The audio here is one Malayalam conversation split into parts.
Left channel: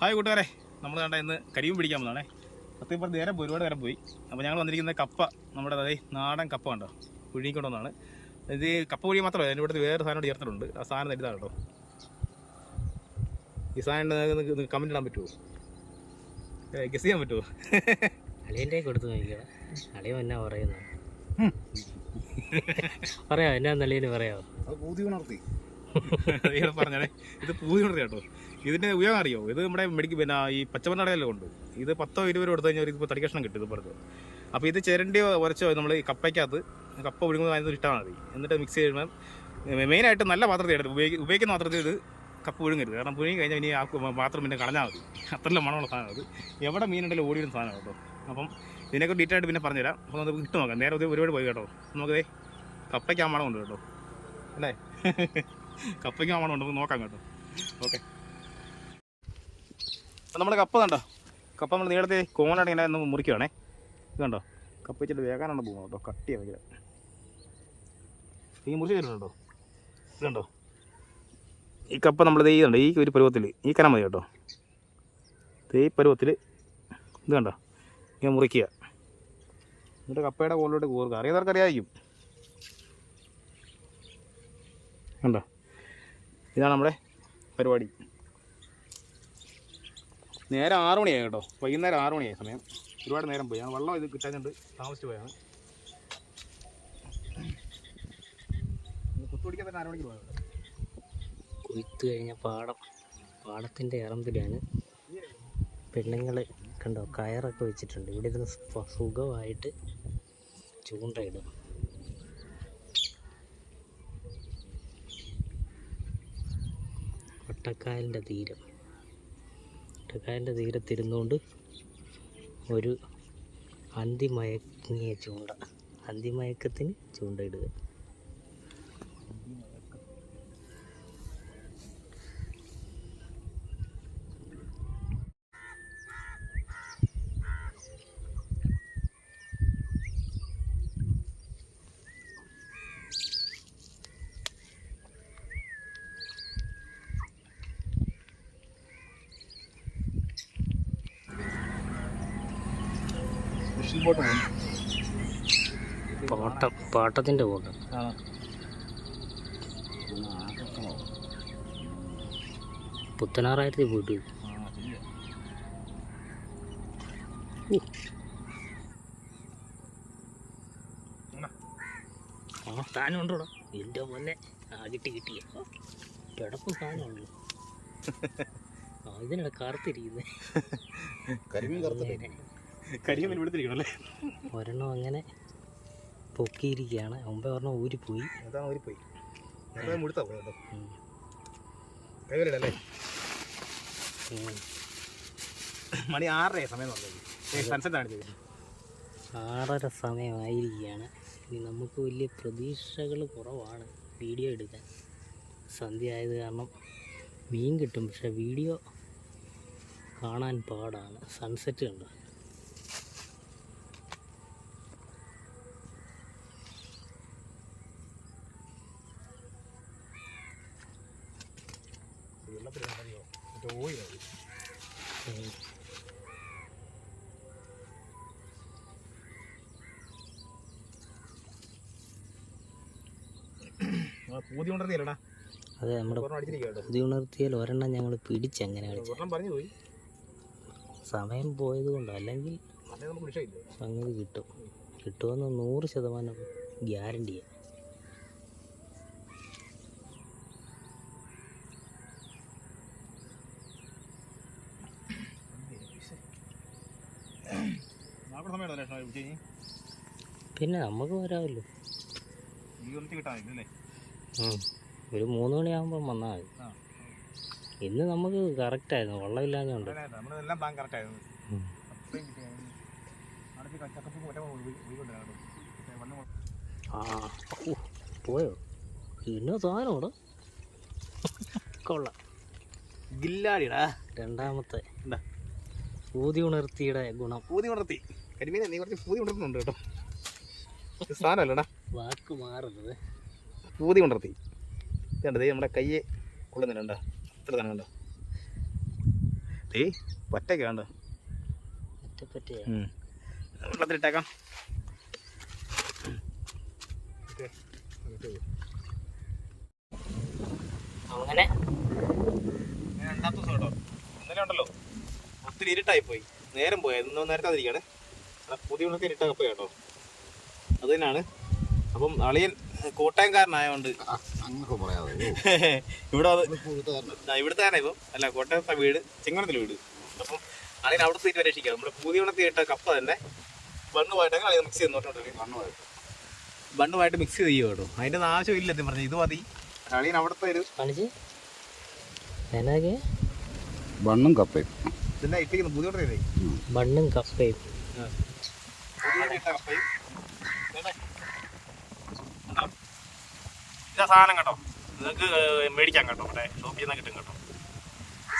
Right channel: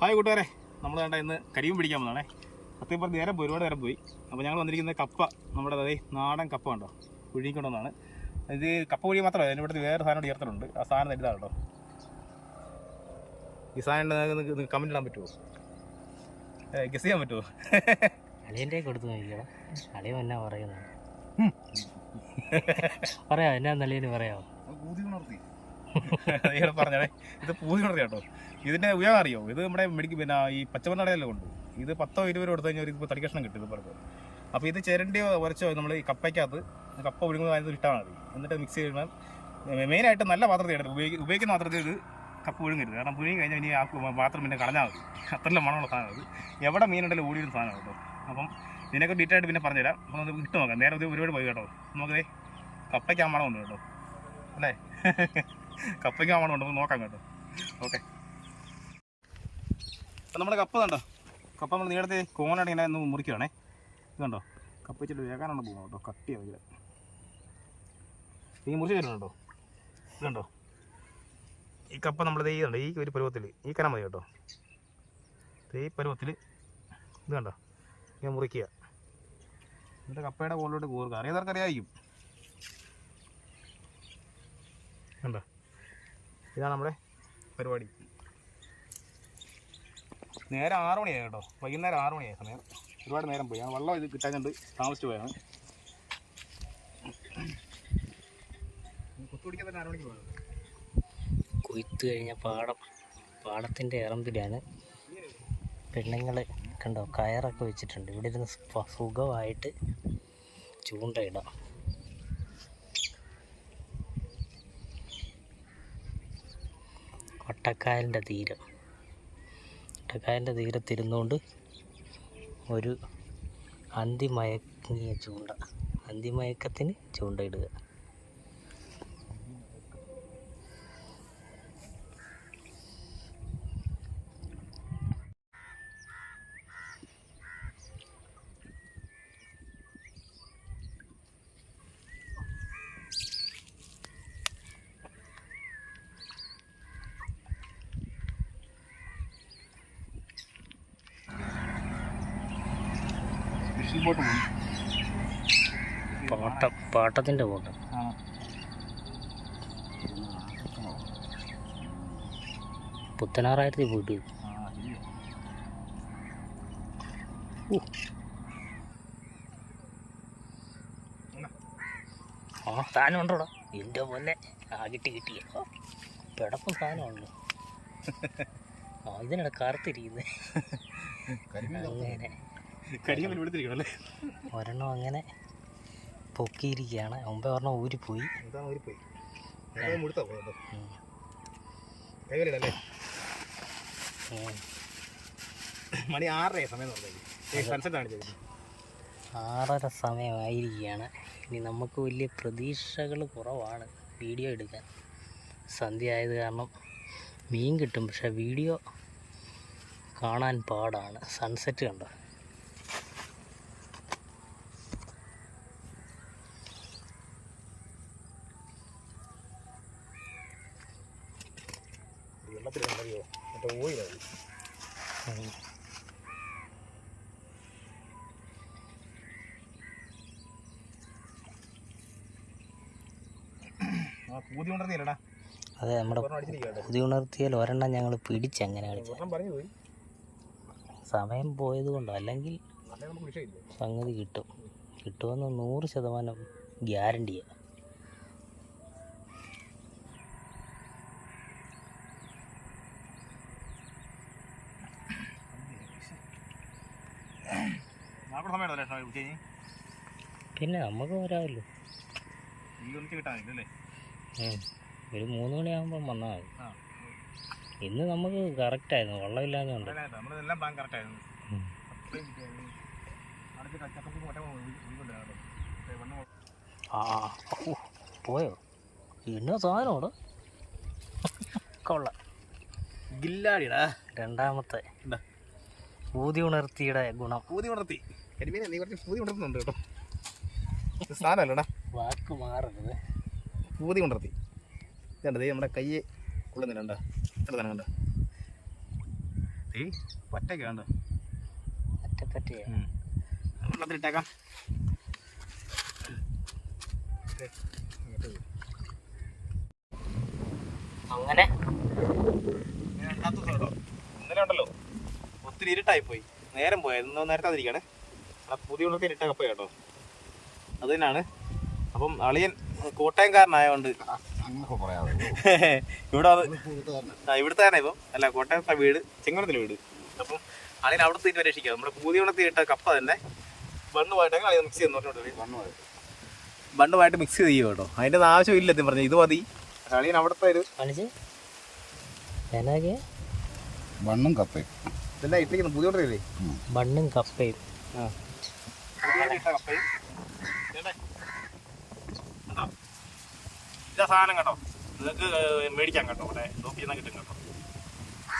ഹായ് കൂട്ടുകാരെ, നമ്മൾ കണ്ട ഇന്ന് കരിയും പിടിക്കാൻ വന്നതാണേ. സത്യം പറഞ്ഞ് നേരം പോയി, ഒരുപാട് നേരം പോയി. അപ്പോൾ ഞങ്ങൾ വന്നിരിക്കുന്ന കപ്പ, നമ്മുടെ നാടൻ കപ്പ കണ്ടോ, പുഴുങ്ങിക്കൊണ്ടുവന്നാണ്. ഇത് കപ്പ പുഴുങ്ങി മാത്രമല്ല, അതിൻ്റെ ഇവിടുത്തെ വേറെ സാധനം ചേർത്തിട്ടുണ്ട്. ആ സാധനം ഇതാണ് കേട്ടോ. ഈ സാധനം കമൻറ്റ് ഇടാൻ പറ്റുമോ? ഗസ് ചെയ്യാൻ പറ്റുമോ? അളിയൻ്റെ കൊടുത്ത് നോക്കിക്കണം. അളിയൻ എന്നാ പറയുന്നത് പറയാമോ? എന്നാ നല്ലതിന് പറയാമോ? പറഞ്ഞേ, ഇത് പൂതി ഉണർത്തി കേട്ടോ. ഇതിൻ്റെ ഉപയോഗം അറിയോ? ഇത് നമ്മുടെ ഈ പച്ചമണ്ണടയെല്ലാം ഉണ്ട്. ഇത് 10-20 കൊടുത്തു കഴിഞ്ഞാൽ ഇപ്പോൾ തടി കഷ്ണം കിട്ടും ഇതുപോലത്തെ. അപ്പോൾ ഇത് ചിരണ്ടി ഉരച്ചോ നമ്മൾ ഈ കപ്പയ്ക്കകത്ത് കപ്പ ഒഴുകുന്നത് അതിന് ഇട്ടാൽ മതി. എന്നിട്ട് മിക്സ് ചെയ്യണം. മെയിനായിട്ട് നല്ല പാത്രത്തിൽ എടുത്ത് ഉപയോഗിക്കുന്ന പാത്രത്തിൽ ഇത് കപ്പ ഒഴുങ്ങരുത്. കാരണം പുഴുങ്ങി കഴിഞ്ഞാൽ ഇനി ആ പാത്രം പിന്നെ കളഞ്ഞാൽ മതി. അത്രയും മണമുള്ള സാധനം അത്. എവിടെ മീനുണ്ടെങ്കിലും ഓടിയൊരു സാധനം കേട്ടോ. അപ്പം ഇതിനൊക്കെ ഡീറ്റെയിൽ ആയിട്ട് പിന്നെ പറഞ്ഞുതരാം. അപ്പോൾ നമുക്ക് ഇട്ട് നോക്കാം. നേരെ ഒരുപാട് പോയി കേട്ടോ. നമുക്കതേ കപ്പയ്ക്ക് ആ മണമുണ്ട് കേട്ടോ, അല്ലേ? കപ്പയ്ക്ക് ആ മണമുണ്ട്, നമുക്ക് നോക്കാം കേട്ടോ. ഓക്കെ, അപ്പം നമ്മുടെ കപ്പ കണ്ടോ. കപ്പ നമ്മൾ നീളത്തെ കോണാണ് ഇങ്ങനെ ഒന്ന് മുറിക്കുകയാണേ. ഇത് കണ്ടോ, കപ്പ വെച്ചിട്ട് വേഗാനാണ് പോകുന്നത് കേട്ടോ. കട്ടിയാണ് വയ്ക്കില്ല. ഈ മുറിച്ച് തരുന്നുണ്ടോ? ഇത് കണ്ടോ, ഈ കപ്പ നമ്മൾ ചെയ്യുന്നുണ്ട് ഈ ഒരു പരുവത്തിൽ. ഈ കനം മതി കേട്ടോ. ഈ പരുവത്തിൽ ഇത് കണ്ടോ ഇങ്ങനെ മുറിക്കുക. എന്നിട്ട് കപ്പയുടെ കോളിലോട്ട് കോറുക. അറിയാത്തവർക്ക് അറിയാമായിരിക്കും. കണ്ടോ, ഇതാണ് നമ്മുടെ പരിപാടി. നേരെ 6 മണിയായി കേട്ടോ. വൈകുന്നേരം 6 മണിയായി സമയം. ഒരുപാട് നേരം പോയി. ആ വെള്ളം ഇത് കിട്ടാൻ കണ്ട് താമസിച്ച് പോയാണ്. കുത്തുപിടിക്കാൻ തന്നെ 6 മണിക്ക് പോയത്. കൊയ്ത്ത് കഴിഞ്ഞ പാടത്തിൻ്റെ ഇറമ്പിലാണ് പെണ്ണുങ്ങൾ കണ്ടോ കയറൊക്കെ വെച്ചിട്ടുണ്ട്. ഇവിടെ ഇരുന്ന് സുഖമായിട്ട് ചൂണ്ടയിടാം. ഒട്ടക്കായലിൻ്റെ തീരത്തിരുന്നുകൊണ്ട് ഒരു അന്തിമയക്കത്തിന് ചൂണ്ടയിടുക. പാട്ടത്തിൻ്റെ ബോട്ട്. പുത്തനാറായിരത്തി പോയിട്ട് സാധനം ഉണ്ടോടാ എൻ്റെ പോലെ. കിട്ടിയ പിടപ്പ് സാധനമാണല്ലോ. ഇതിനിടെ കറുത്തിരിക്കുന്നത്. ഒരെണ്ണം അങ്ങനെ പൊക്കിയിരിക്കുകയാണ്. മുമ്പേ ഒരെണ്ണം ഊരിപ്പോയി. മണി 6:30 സമയം. 6:30 സമയമായിരിക്കുകയാണ്. ഇനി നമുക്ക് വലിയ പ്രതീക്ഷകൾ കുറവാണ് വീഡിയോ എടുക്കാൻ. സന്ധ്യ ആയത് കാരണം മീൻ കിട്ടും, പക്ഷെ വീഡിയോ കാണാൻ പാടാണ്. സൺസെറ്റ് കണ്ടോ. അതെ, നമ്മുടെ പുതിയ ഉണർത്തിയാൽ ഒരെണ്ണം ഞങ്ങൾ പിടിച്ചങ്ങനെ കളിച്ച. സമയം പോയത് കൊണ്ടോ, അല്ലെങ്കിൽ സംഗതി കിട്ടുമെന്ന് 100% ഗ്യാരണ്ടിയാണ്. പിന്നെ നമുക്ക് വരാമല്ലോ. ഒരു 3 മണിയാകുമ്പം വന്നാൽ മതി. ഇന്ന് നമുക്ക് കറക്റ്റായിരുന്നു, വെള്ളമില്ലാഞ്ഞുണ്ട്. പോയോ? പിന്നെ സാധനോട് കൊള്ളാം. ഗില്ലാടിടാ. രണ്ടാമത്തെ ഊതി ഉണർത്തിയുടെ ഗുണം. ഊതി ഉണർത്തി കരിമീനെ നീ കുറച്ച് ഊതി ഉണർത്തുന്നുണ്ട് കേട്ടോ. സാധനമല്ലടാ, വാക്ക് മാറരുത്. ഊതി ഉണർത്തി കണ്ടത് നമ്മുടെ കയ്യെ കൊള്ളുന്നില്ല. ഇത്ര തന്നെ കണ്ടോ. പറ്റൊക്കെ വേണ്ട പറ്റേ വെള്ളത്തിലിട്ടേക്കാം. അങ്ങനെ രണ്ടാമത്തെ ദിവസം കേട്ടോ. ഇന്നലെ ഉണ്ടല്ലോ ഒത്തിരി ഇരുട്ടായി പോയി, നേരം പോയി. ഇന്ന് നേരത്തെ അതിരിക്കണേ. പുതിയ ഉള്ളൊക്കെ ഇരുട്ടാ കപ്പ കേട്ടോ. അത് തന്നെയാണ്. അപ്പം അളിയൻ കോട്ടയംകാരനായതുകൊണ്ട് ഇവിടെ ഇവിടുത്തെ തന്നെ ഇപ്പം അല്ല, കോട്ടയത്തെ വീട് ചെങ്ങനത്തിലെ വീട്. അപ്പം അളിയൻ അവിടെ തീറ്റ് പരീക്ഷിക്കാം. നമ്മുടെ പുതിയ ഉള്ളത്തിൽ ഇട്ട കപ്പ തന്നെ ബണ്ണുമായിട്ടൊക്കെ അളിയൻ മിക്സ് ചെയ്യുന്നോട്ടോ. ബണ്ണുമായിട്ട് മിക്സ് ചെയ്യും കേട്ടോ. അതിൻ്റെ ആവശ്യമില്ല എന്നും പറഞ്ഞു. ഇത് മതി. അളിയൻ അവിടുത്തെ ഒരു ബണ്ണും കപ്പയും ഇതെല്ലാം ഇട്ടിരിക്കുന്നു. പുതിയ ഉള്ളത്തില്ലേ ബണ്ണും കപ്പയും. ഇതാ സാധനം കേട്ടോ. നിങ്ങൾക്ക് മേടിക്കാം കേട്ടോ. ഇവിടെ ഷോപ്പിൽ നിന്ന് കിട്ടും കേട്ടോ.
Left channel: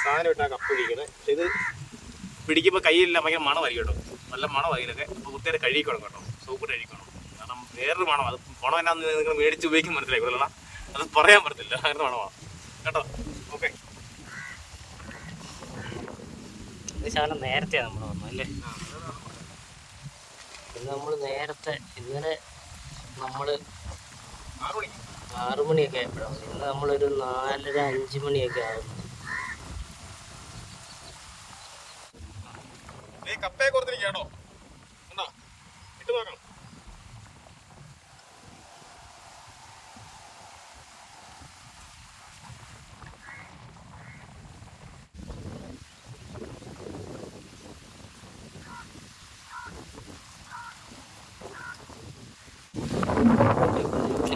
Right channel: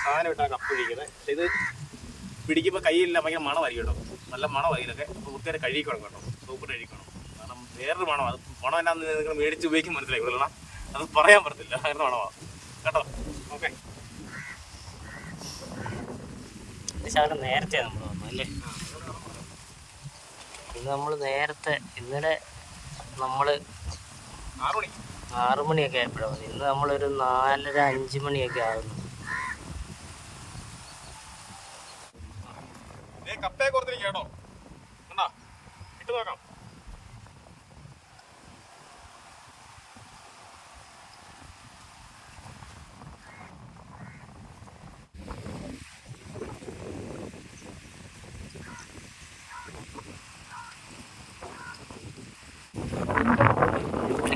സാധനം ഇട്ടാൽ കപ്പ് പിടിക്കുന്നത്. പക്ഷെ ഇത് പിടിക്കുമ്പോൾ കയ്യിലില്ല, ഭയങ്കര മണമായിരിക്കും കേട്ടോ. നല്ല മണമായിരിക്കൊക്കെ. അപ്പോൾ ഒത്തിരി കഴുകിക്കണം കേട്ടോ. സോപ്പിട്ട് കഴുകിക്കണം. കാരണം വേറൊരു മണം. അത് മണം എന്നാന്ന് നിങ്ങൾ മേടിച്ച് ഉപയോഗിക്കും മനസ്സിലാക്കില്ല. അത് പറയാൻ പറ്റത്തില്ല. അങ്ങനെ മണമാണ് കേട്ടോ. ഓക്കെ, ശകലം നേരത്തെ നമ്മൾ വന്നു അല്ലേ? ഇന്ന് നമ്മൾ നേരത്തെ, ഇന്നലെ നമ്മൾ 6 മണിയൊക്കെ ആയപ്പോഴാണ് വന്നത്. ഇന്ന് നമ്മളൊരു 4:30-5 മണിയൊക്കെ ആകുന്നു. കപ്പയെ കൊടുത്തിരിക്കട്ടോ. എന്നാ ഇട്ട് നോക്കാം.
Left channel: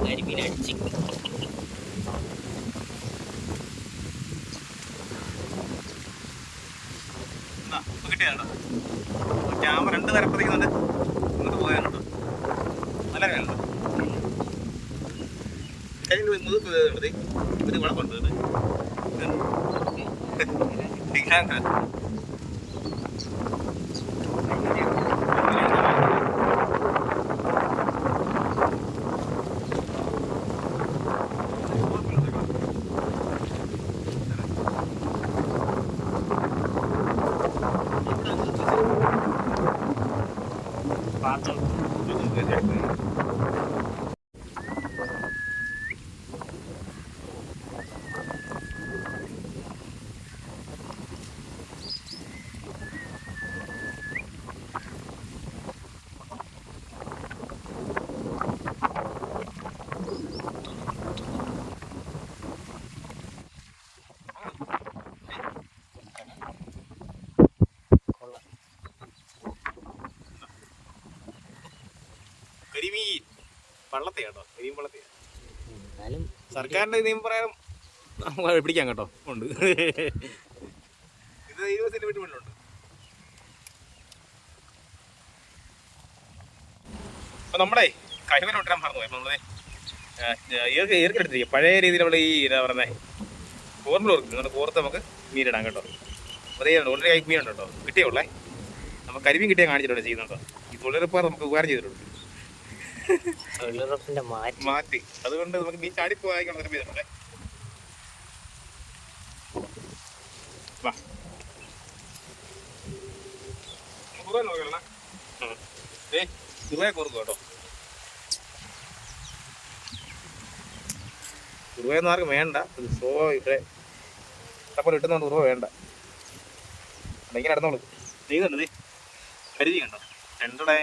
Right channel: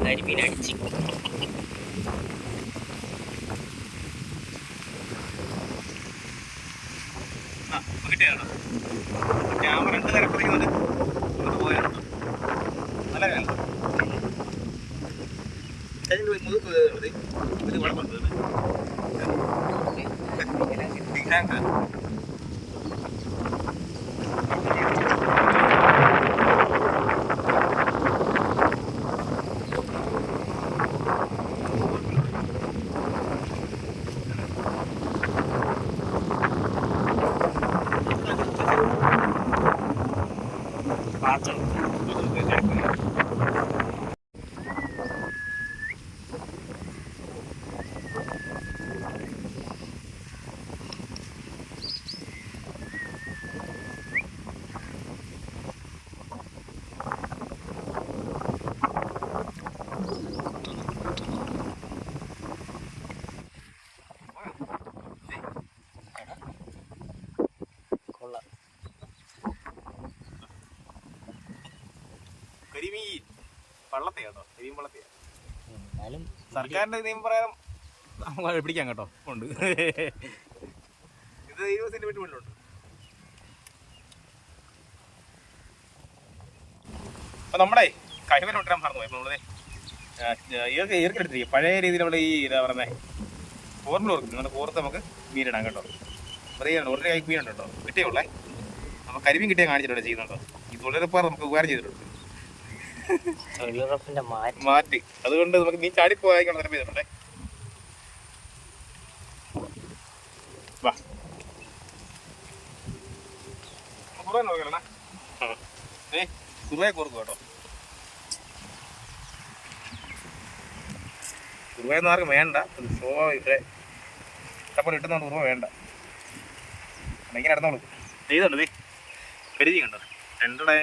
കരിമീൻ അടിച്ച് കിട്ടിയാണോ? ക്യാമറ 2 തരം പിടിക്കുന്നുണ്ട്. പോകാനുണ്ട്. നല്ല കാര്യം. കഴിഞ്ഞ മുതുക്ക് ഇത് കുഴപ്പമുണ്ട്. കരിമീൻ പള്ളത്തെയാട്ടോ. കരിമീൻ പള്ളത്തെയാ. സർക്കാരിന്റെ നിയമപ്രകാരം പിടിക്കാം കേട്ടോ. ഉണ്ട്. ഇത് 20 സെന്റിമീറ്റർ മുന്നിലുണ്ട്. അപ്പൊ നമ്മുടെ കരിമീൻ കൊണ്ടുവരാൻ മറന്നു പോയി. നമ്മളെ ഏർക്കെടുത്തിരിക്കും പഴയ രീതിയിൽ. നമ്മൾ ഈ എന്താ പറയുന്നത് കോർമ്പിൽ ഓർക്കും. നമ്മുടെ കോർത്ത് നമുക്ക് മീനിടാം കേട്ടോ. അതേ ഓൾറെഡി കൈ മീനുണ്ട് കേട്ടോ. കിട്ടിയുള്ളേ. നമുക്ക് കരിമീൻ കിട്ടിയാൽ കാണിച്ചിട്ടുണ്ട് ചെയ്യുന്നുണ്ടോ. ഈ തൊഴിലുറപ്പ് നമുക്ക് ഉപകാരം ചെയ്തിട്ടുണ്ട്. തൊഴിലുറപ്പിന്റെ മാറ്റി. അതുകൊണ്ട് നമുക്ക് നീ ചാടിപ്പോയാൽ നിർമ്മിച്ചിട്ടുണ്ടേ. കുറുവയെ കോർക്കും കേട്ടോ. കുറുവയൊന്നും ആർക്കും വേണ്ട. ഇവിടെ ഇഷ്ടപ്പെട്ട് കിട്ടുന്നതുകൊണ്ട് കുറുവ വേണ്ട. ഇങ്ങനെ നടന്നോളൂ. ചെയ്തുണ്ട് കരുതി കണ്ടോ. രണ്ടോടെ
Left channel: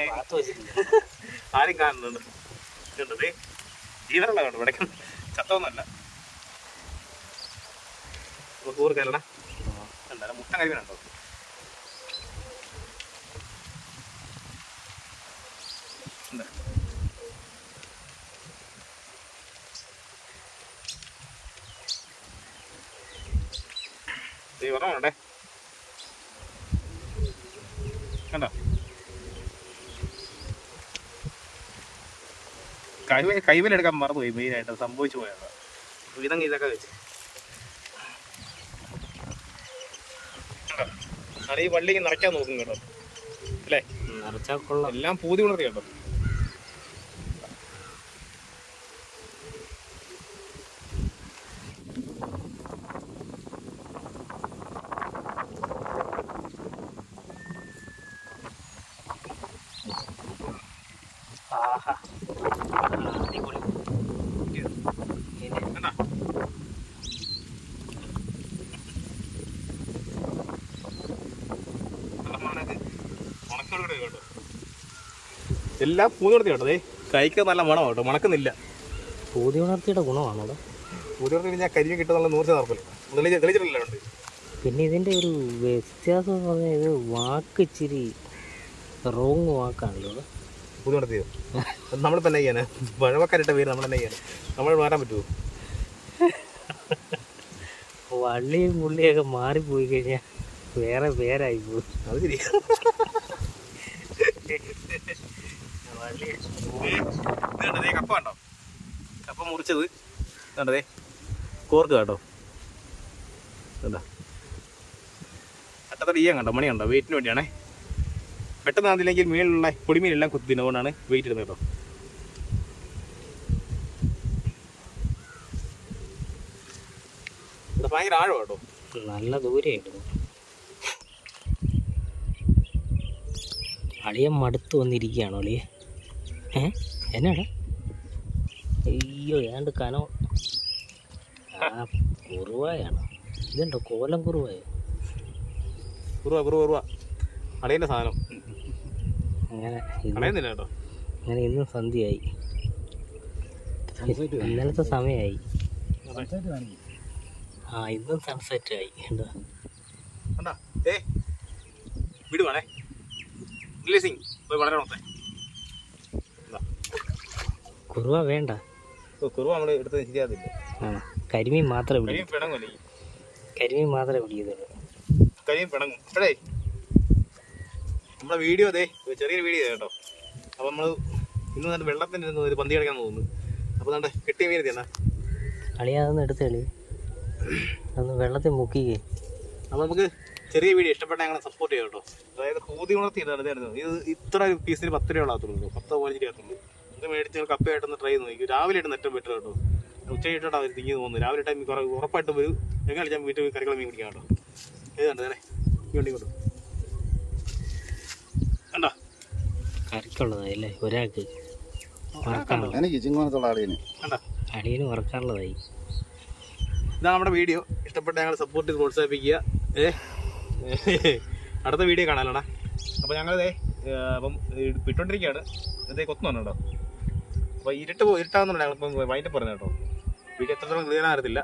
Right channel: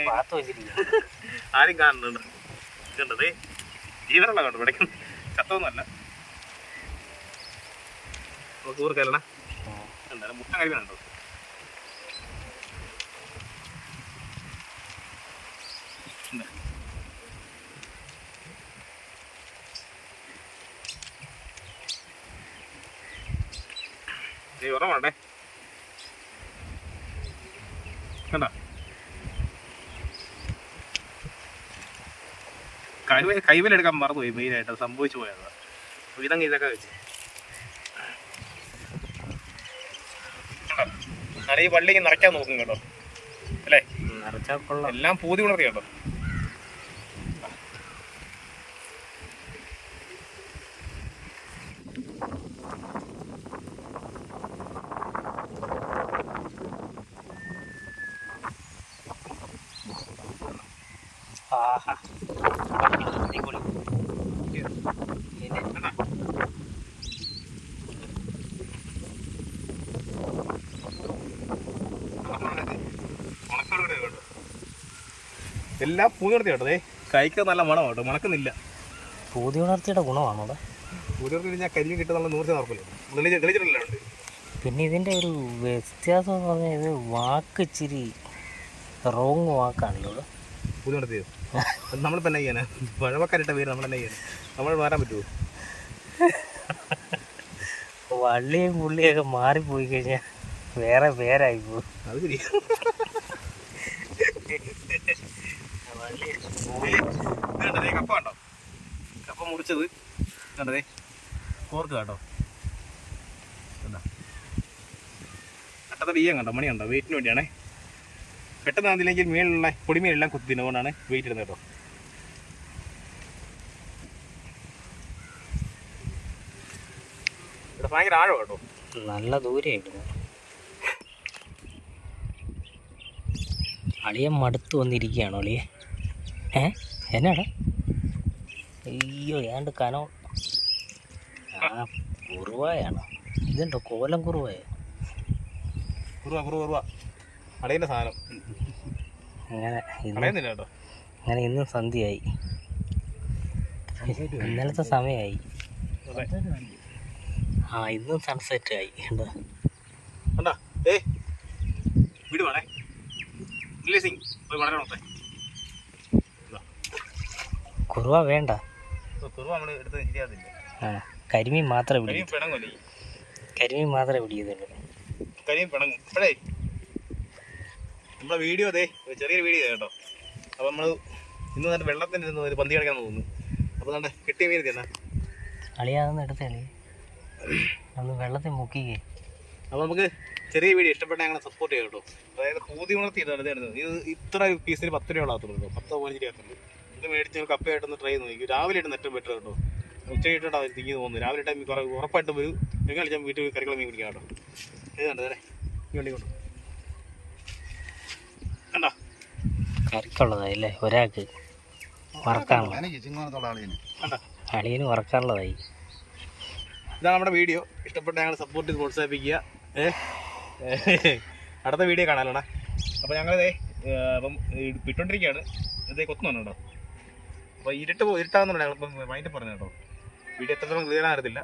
ആരും കാണുന്നുണ്ട്. ഇതുണ്ടത് ജീവനുള്ള കണ്ടോ. ഇവിടെ ചത്തൊന്നുമല്ല. കൂർക്കല്ലടാ. എന്തായാലും മുട്ട കരിമീനുണ്ടോ. വേണ്ടേ കണ്ടോ. കൈവലെടുക്കാൻ മറന്നുപോയി. മെയിനായിട്ട് സംഭവിച്ചു പോയതാണ്. ഇതങ്ങ് ഇതൊക്കെ വെച്ച് ഞാൻ ഈ വള്ളിക്ക് നിറയ്ക്കാൻ നോക്കും കേട്ടോ. അല്ലേ എല്ലാം പൂതി ഉണർത്തി കേട്ടോ. ആഹാ അടിപൊളി. പിന്നെ കണ്ടാ? എല്ലാം പൂതി നടത്തി കേട്ടോ. കൈക്ക് നല്ല മണം കേട്ടോ, മണക്കുന്നില്ല. പൂതി ഉണർത്തിയുടെ ഗുണമാണോ അവിടെ? പൂതി നടത്തി ഞാൻ കരിയും കിട്ടുന്നുള്ള 100% തെളിച്ചിട്ടില്ല ഉണ്ട്. പിന്നെ ഇതിൻ്റെ ഒരു വ്യത്യാസം എന്ന് പറഞ്ഞാൽ ഇത് വാക്ക് ഇച്ചിരി റോങ് വാക്കാണല്ലോ ഇവിടെ. പൂതി നടത്തിയത് നമ്മളിപ്പോൾ എന്നാ ചെയ്യാനാ? പഴമക്കാരിട്ട പേര് നമ്മൾ എന്നാ ചെയ്യാൻ? നമ്മൾ മാറാൻ പറ്റുമോ? വള്ളിയും പുള്ളിയൊക്കെ മാറിപ്പോയി കഴിഞ്ഞാൽ വേറെ പേരായി പോകും. അത് ശരി. കപ്പ കണ്ടോ? കപ്പ മുറിച്ചത് കണ്ടതേ കോർക്ക് കേട്ടോ. എന്താ അട്ടത്തെ ബിയ്യം കണ്ടോ, മണി കണ്ടോ? വെയിറ്റിന് വേണ്ടിയാണേ. പെട്ടെന്ന് അതില്ലെങ്കിൽ മീനുള്ള പൊടിമീനെല്ലാം കുത്തി തിന്നുകൊണ്ടാണ് വെയിറ്റ് ഇടുന്നത് കേട്ടോ. ഇവിടെ ഭയങ്കര ആഴം കേട്ടോ, നല്ല ദൂരെ ഇടുന്നു. അളിയൻ മടുത്ത് വന്നിരിക്കുകയാണോ അളിയെ? എന്നാടാ? അയ്യോ ഏണ്ട് കനോ. ആ കുറുവായാണോ? ഇതുണ്ടോ കോലം കുറുവായ? കുറുവ അടയിൻ്റെ സാധനം അങ്ങനെ അടയുന്നില്ല കേട്ടോ. അങ്ങനെ ഇന്നും സന്ധ്യയായി, ഇന്നലത്തെ സമയമായി. ആ ഇന്നും സൺസെറ്റ് ആയി. എന്താ കണ്ടാ? വീട് വേണേ റിലീസിങ് പോയി വളരെ നോക്കേ. കുറുവ വേണ്ട, കുറുവ നമ്മൾ എടുത്ത് ശരിയാകത്തില്ല. ആ കരിമീൻ മാത്രമേ കരിയും പിടിക്കൂ. പിണങ്ങല്ലേ? കരിമീൻ മാത്രമേ പിടിക്കുന്നുള്ളൂ. കരിയും പിണങ്ങും. അപ്പോഴേ നമ്മുടെ വീഡിയോ അതെ ചെറിയൊരു വീഡിയോ കേട്ടോ. അപ്പോൾ നമ്മൾ ഇന്ന് തന്നെ വെള്ളത്തിൻ്റെ ഇരുന്ന് ഒരു പന്തി കിടക്കാൻ തോന്നുന്നു. അപ്പോൾ നമ്മുടെ കെട്ടിയ മീൻ എന്നാ അളിയാതൊന്ന് എടുത്ത് കളി, ഒന്ന് വെള്ളത്തിൽ മുക്കിക്കേ. അപ്പോൾ നമുക്ക് ചെറിയ വീഡിയോ ഇഷ്ടപ്പെട്ട ഞങ്ങളെ സപ്പോർട്ട് ചെയ്യാം കേട്ടോ. അതായത് പൂതി ഉണർത്തിയിട്ടാണ് ഇത് ഇത്ര പീസിന് 10 രൂപ ആകത്തുള്ളൂ, 10-15 രൂപ. ഇത് മേടിച്ച് ഞങ്ങൾ കപ്പയായിട്ടൊന്ന് ട്രൈ ചെയ്ത് നോക്കി. രാവിലെ ആയിട്ട് ഏറ്റവും ബെറ്റർ കേട്ടോ. ഉച്ചയായിട്ടാണ് അവർ തിങ്ങി തോന്നുന്നു. രാവിലെ ടൈം കുറേ ഉറപ്പായിട്ടും ഒരു ഞങ്ങൾ ഞാൻ വീട്ടിൽ കറികളെ മീൻ പിടിക്കാം കേട്ടോ. ഇത് കണ്ടോ അല്ലേ? ഈ വണ്ടി കൊണ്ടു കണ്ടാ? കറിക്കുള്ളതായി അല്ലേ? ഒരാൾക്ക് വറക്കാനുള്ള, എനിക്ക് ചിങ്ങോണത്തുള്ള ആളിന് കണ്ടാ? അളിയന് വറക്കാനുള്ളതായി. ഇതാണ് നമ്മുടെ വീഡിയോ. ഇഷ്ടപ്പെട്ട ഞങ്ങൾ സപ്പോർട്ട് ചെയ്ത് പ്രോത്സാഹിപ്പിക്കുക. അടുത്ത വീഡിയോ കാണാലോടാ. അപ്പോൾ ഞങ്ങളിതേ അപ്പം ഇട്ടുകൊണ്ടിരിക്കുകയാണ്. ഇതേ കൊത്തുന്നുണ്ട് കേട്ടോ. അപ്പോൾ ഇരുട്ടാവുന്നുണ്ട്. ഞങ്ങളിപ്പം വൈകിട്ട് പറഞ്ഞു കേട്ടോ. വീഡിയോ എത്രത്തോളം ക്ലിയർ ആകത്തില്ല.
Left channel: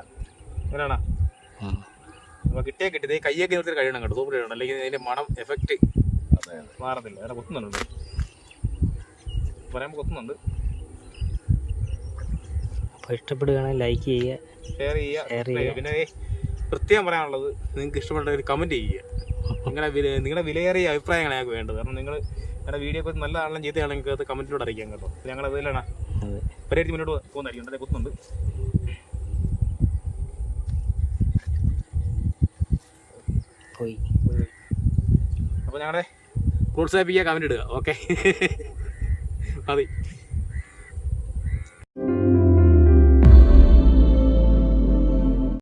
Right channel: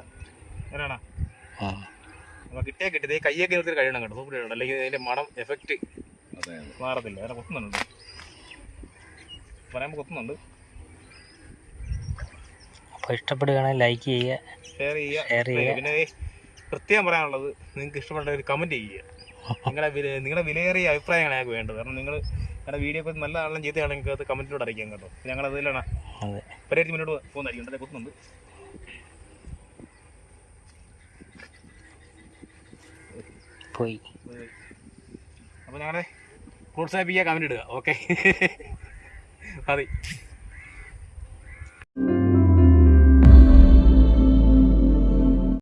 അങ്ങനെയാണോ? അപ്പോൾ കിട്ടിയത് കയ്യൊക്കെ നിർത്തി കഴിയണം കേട്ടോ. സൂപ്പർ ചെയ്യണം, അല്ലെങ്കിൽ അതിൻ്റെ മണം എഫക്റ്റ് മാറത്തില്ല. അങ്ങനെ കൊത്തുന്നുണ്ട്, പറയുമ്പോൾ കൊത്തുന്നുണ്ട്. അപ്പോൾ ഇഷ്ടപ്പെടുകയാണെങ്കിൽ ലൈക്ക് ചെയ്യുക, ഷെയർ ചെയ്യുക. പിന്നെ പ്രത്യേകം പറയാനുള്ളത്, നിങ്ങൾക്ക് ഇഷ്ടപ്പെട്ട ഒരു കമൻറ്റ് ചെയ്യുക. നിങ്ങളുടെ വിലയേറിയ അഭിപ്രായമാണ് ഞങ്ങൾക്ക് വേണ്ടത്. കാരണം നിങ്ങളുടെ വീഡിയോ ഒക്കെ നല്ല ആണെങ്കിലും ചീത്തയാണെങ്കിൽ അത് കമൻറ്റിലൂടെ അറിയിക്കാം കേട്ടോ. ഞങ്ങൾ അതിലാണ് പരിഹരിച്ച് മുന്നോട്ട് പോകുന്നതായിരിക്കും. അതേ കുത്തുന്നുണ്ട്. പോയി. അപ്പോൾ ഞങ്ങളെ പ്രോത്സാഹിപ്പിക്കുക, കമൻറ്റ് ഇടുക. ഓക്കെ മതി.